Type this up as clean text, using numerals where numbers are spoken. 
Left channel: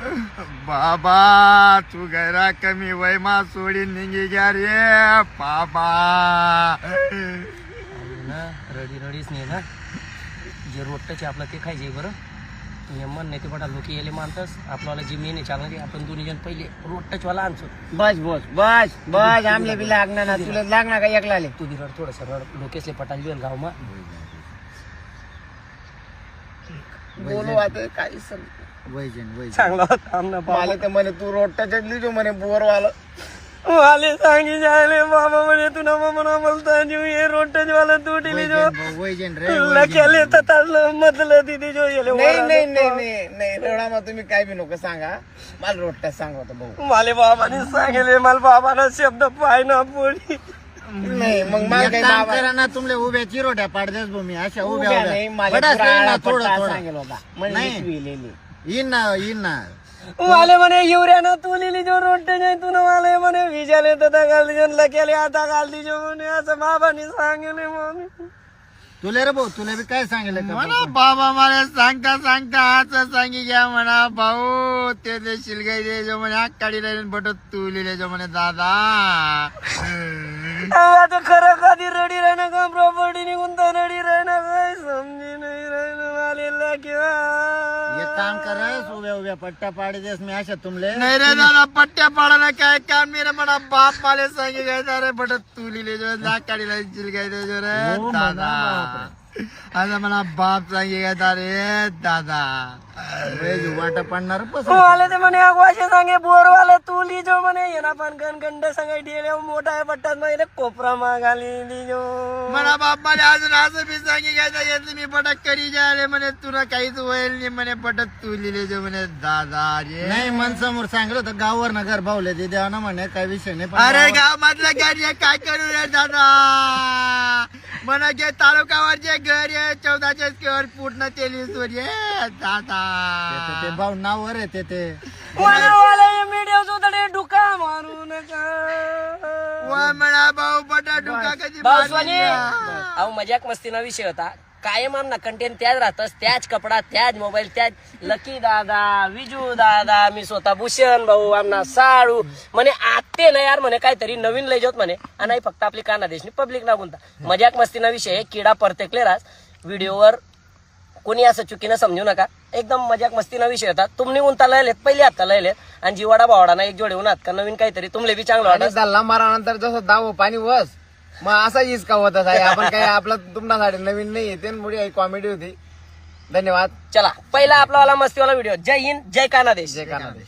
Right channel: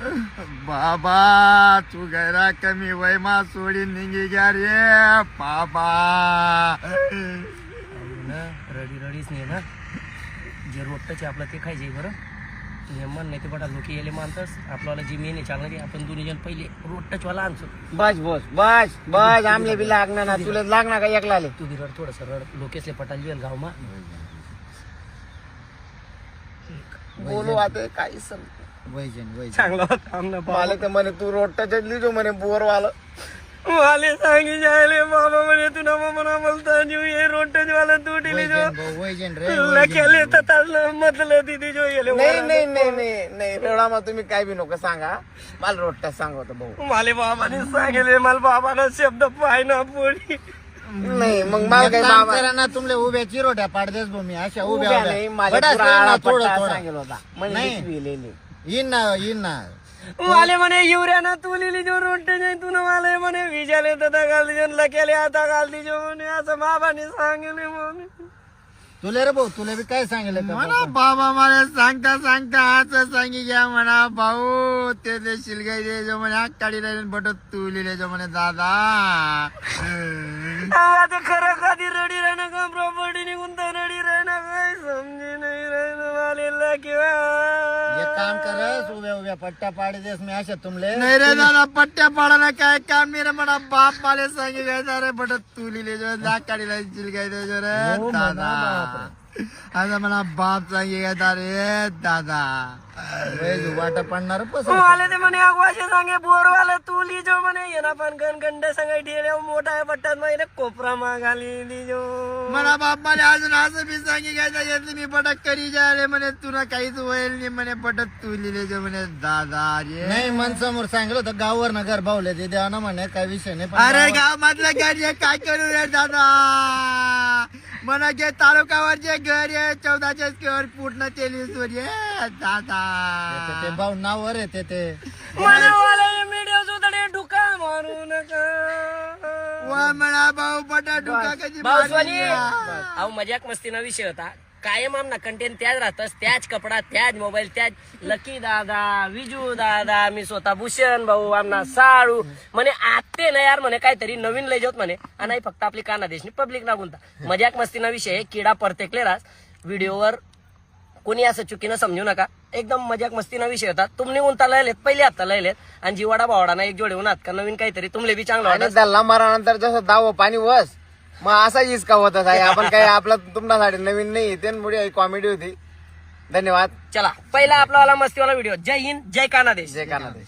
बाबा तू गैरा कमी वयमा सोडी निघी ग्या रे बाबा. रडी रडीच नाही ना जे रोट्टाचे आपलं ते खायचे बरं. तुम्ही मन नाही ते बटा लोक यायला मानतस आपल्याला जी मेन आहे चालणार आपण दोन्ही जण पहिले रोट्टाच वाला आणतो. बस बस बस बस आमले बी लागणार ना तुला लागणार का एकला आले तू बी रड थोडस रड लोकेसले पटाल जेल गाव मा बोलू आता काही चांगला होता मला तर म्हणे तू रोट्टाच्याच लिहितो म्हणे बोर वाला वाले सांगी जायले बाबा म्हणे तू ना म्हणा बोलता जीव हे रोट्टाच वाला तू टिली जो लकेले तर म्हटलं तिथे जो गेले नाही नाही नाही नाही नाही रेडा मग तुम्ही काय बी नको सांगा मला रोट्टा सांगतो भाऊ माले बाबाने सांगितले मला बाबाला शब्द पाय ना पोळी नाही मग मला काही बाबा करा ना तुमले उभ्या चिरोट्या पाडतेस मी अशा उभ्या उभ्या नाही उभ्या माझ्या पुराणा थोडं पट्टा थोडं सांगेल होता नाही. म्हणजे लिहिलेली. येईन ना वाले म्हणे युऱ्यानं तू लिहिली जो रोट्टे नाही तू वाले म्हणे विजाले तर घालती जो लकेले आता घालती जो म्हणे असं बाबाने सांगितले म्हणे. तुले रे भाऊ तुला बी काय सांगितलं म्हणा बाबा मला सांगता सांगता असं सांगी घ्या म्हणा भाऊ ते शिलगाई दे जो म्हणे काढी राहिले बट तू लिहिले जो म्हणे दादा. आता खरं कधी रडी राहणं का प्रॉपर्टी निघून तर रडी राहणं काय समजी नाही राहणं वालेला किंवा एक काम कर उभ्या उभ्या पट्ट्या पाडीस मी अशा तुमले नाही रे दादा पट्ट्या पाडायला काय काम नाही रे म्हणा बाप मला सांगितलं रे बट तू लिहिले जो काढी राहिले शिलगाई दे जो रे दादा. आता मला बाप सांगितलं रे दादा वाटा पडणार वाले ते म्हणे अगवाशे सांगे बोरवाला तू लिजो म्हणे येणा पण गणगंड सांगाय ठेवल्या मोठा आहे पट्ट्यात माहिती कोपरा मागाली लिजो म्हणा बाप मला अजून असं बी सांगितलं मी पटक करी जायले म्हणे तुला काहीच होईल नाही म्हणे पटक तू लिहिले जो म्हणे दादा रे नाही मन समोर सांगितलं तर गावावर ना घर भावले ते द्या ना म्हणे काही विषय नाही. अरे गाव मधलं घर आहे काय करू रे दादा म्हणा जे तालुक्यावर जे घर आहे 14 स्क्वेअर फूट ना 23 वर आहे दादा ते भाऊ नावावर आहे ते मीडिया सुद्धा डुका मारू नका म्हणा भाऊ बटा डुका कधी अहो मजाक मस्तीना विषय होता कायम आमना कंटेंट त्याच राहतस त्याच कपडा त्याच मोबाईल त्याच लकी दादा विजू दादा मी स्वतः भूषण भाऊ आमना साळू म्हणे आते ना यार म्हणे काहीतरी नवीन लय जात म्हणे आणि फक्त आपली काना देशनी पब्लिक ना गुंता मजाक मस्तीना विषय किडा परतेकले रास व्हिडिओवर कोणी असं चुकीनं समजू नका एकदम मजाक मस्तीना विषय होता तुम्ही उंता लयलेत पहिले हप्ता लयलेत आणि जीवाडा भावडाना एक जोडे उन्हात का नवीन काहीतरी तुमले बी चांगलं वाटत दल्ला मारानंतर जसं दाव पाणी वस मग असा इसका होत आहे आपण काय आपला तुमच्यासाठी नवीन नाही त्यामुळे कॉमेडी होती. धन्यवाद. चला पहिला आपला वाला मस्तीवाला व्हिडिओ. जय हिंद जय कानादेश. जय कानादेश.